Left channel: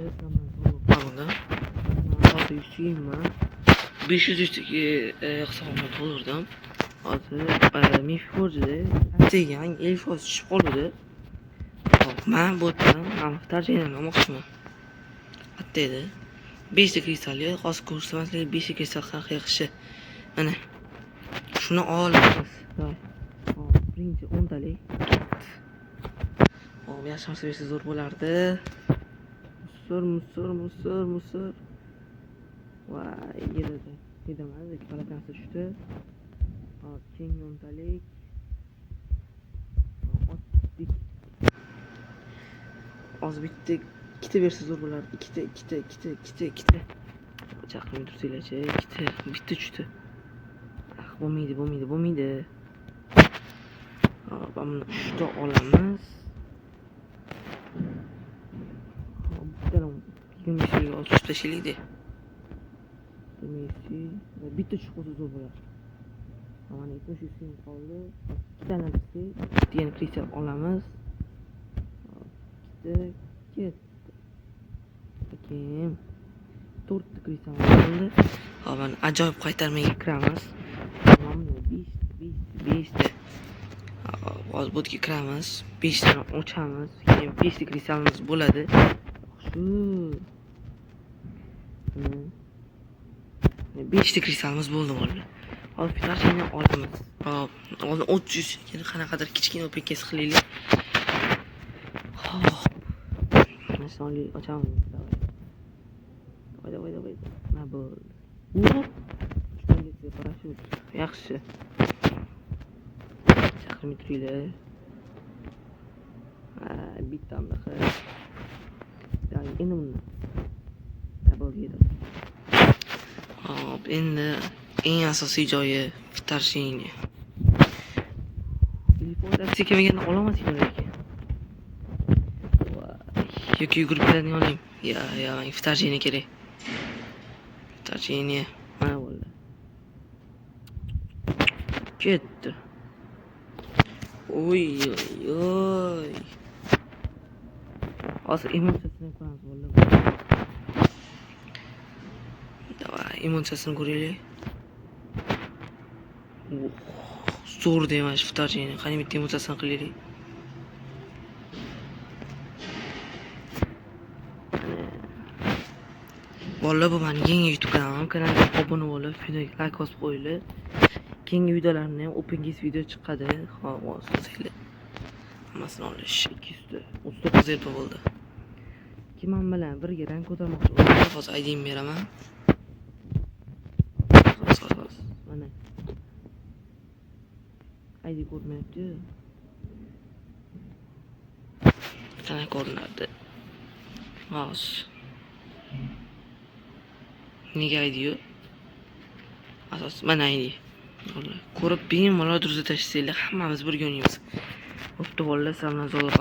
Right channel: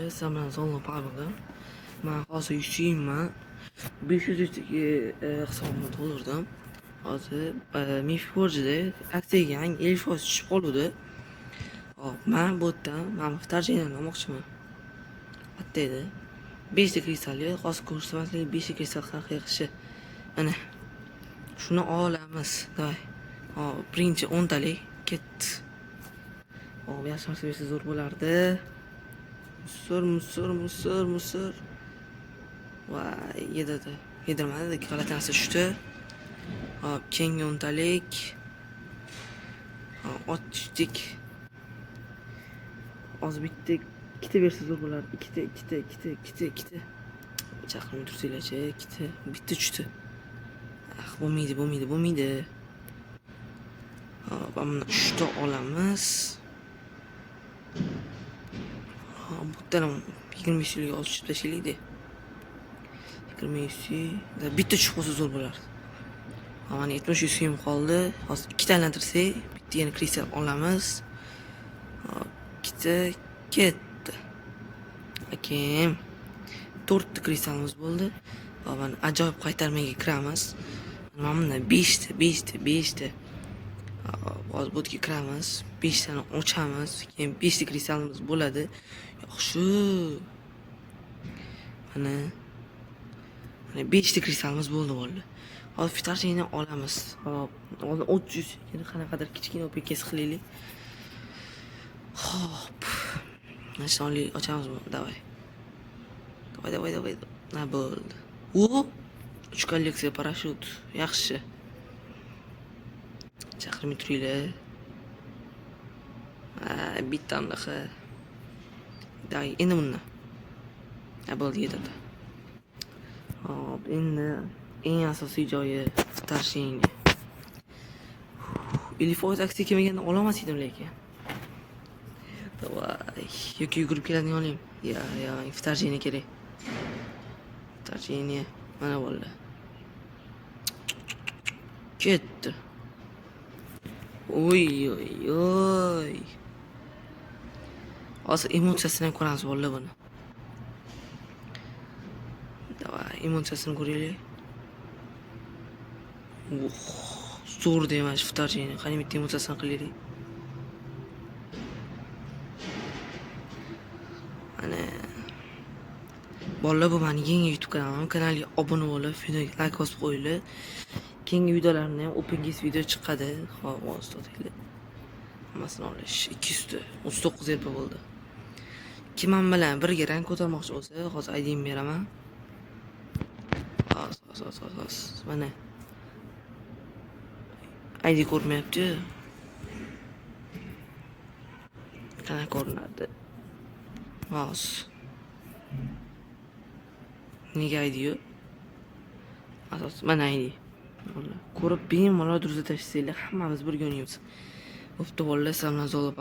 bolalar, sizlar sog'lom pabga. Men hozir yusuyman. 500 dagi hisobimni to'ldirdim. Hozir Mifforjda atega 50% tushib qoldi. Hop, men bu yerdan tarjimani olmoqchiman. Attaydi. 5 ta kristalli, hozir ko'rsatmaslik 5 ta kristal qanaqa yaxshi. Mana shuni olamiz. Davay. Hop, birinchi 10 talik ketdi. Hop, yaxshi narsa bersa zo'r bo'lardi. Musor. Voy, yedadi. Yedirmadi, g'alati narsa tushdi. Hop, keyingi 10 talik. Hop, ochdik. Hozir bitta ikkita bersa zo'r bo'lardi. Ikkita. Chaqirmay tursanglar-chi, ikkita, bitta tushdi. Bo'lmaydi. Hop, mana 3 ta olamiz. Hop, bu yerdan 20 so'mga olib tushib tashlaylik-da. 20 so'm. Bitta tushib qolsa zo'r bo'lardi. Mana 70 so'm qoldi. Hozir ikkita aylantirsak, yana kristal olamiz. Hop, ikkita ketdi. Akim 4 ta kristalimiz bo'ldi. Hop, mana ajoyib qaytarmaga kiramiz. Mana 5 ta. Hozir bu yerga kiramiz. 5 tani ochamiz. Keyin 5 ta kristalimiz bo'ladi. Yaxshi. Mana 5 ta kristalimiz bo'ldi bolalar. Hozir fitarchini olamiz. Hop, oldin 300 keyin qanaqadir kichkina OPKS qilaylik. Hop. Mana ochamiz. Davay. Na bo'ldi. Up. 3 kolleksiya parashyut. Yaxshi. Chaqirmay turinglar. Bitta anaqa. Davay, endi bundan. Na bo'ldi, yetadi. Hop, endi eng asosiy joyi fitarchini. 50% aksiya kelmaganda olamas edim lekin. Voy, yoki yugurib keladigan oling. Ya, fitarchini kerak. Fitarchini mana bo'ldi. Ketdi. Oy. Hozir emotsiyasini ko'ramiz bolalar buni. Davay, emotsiyasini ko'raylik. Zo'r demash fitarchini. Qani bitta emotsiyasini qilaylik. Mana bolalar, bu meni yangi YouTube kanalim. Kanalga obuna bo'lib, videoga like bosib qo'yinglar. Keyingi videolarni ham OpenGS video chiqadi. Hop, o'zingizlar. Hammasini olish 200 ta. 39 RP bo'ldi. Kim men bilan birga rang ko'tarmoqchi bo'lsa, hozir ID'ni beraman. Hozir. Mana ID ko'rmayapti. Qanaqa ko'rinadi? Hozir. Nega ID yo'q? Asos mana ID. Ko'rib bemalol durza tashlaylik, hammamiz birga o'ynaymiz. Bo'pti bolalar, sizlar bilan zo'rlab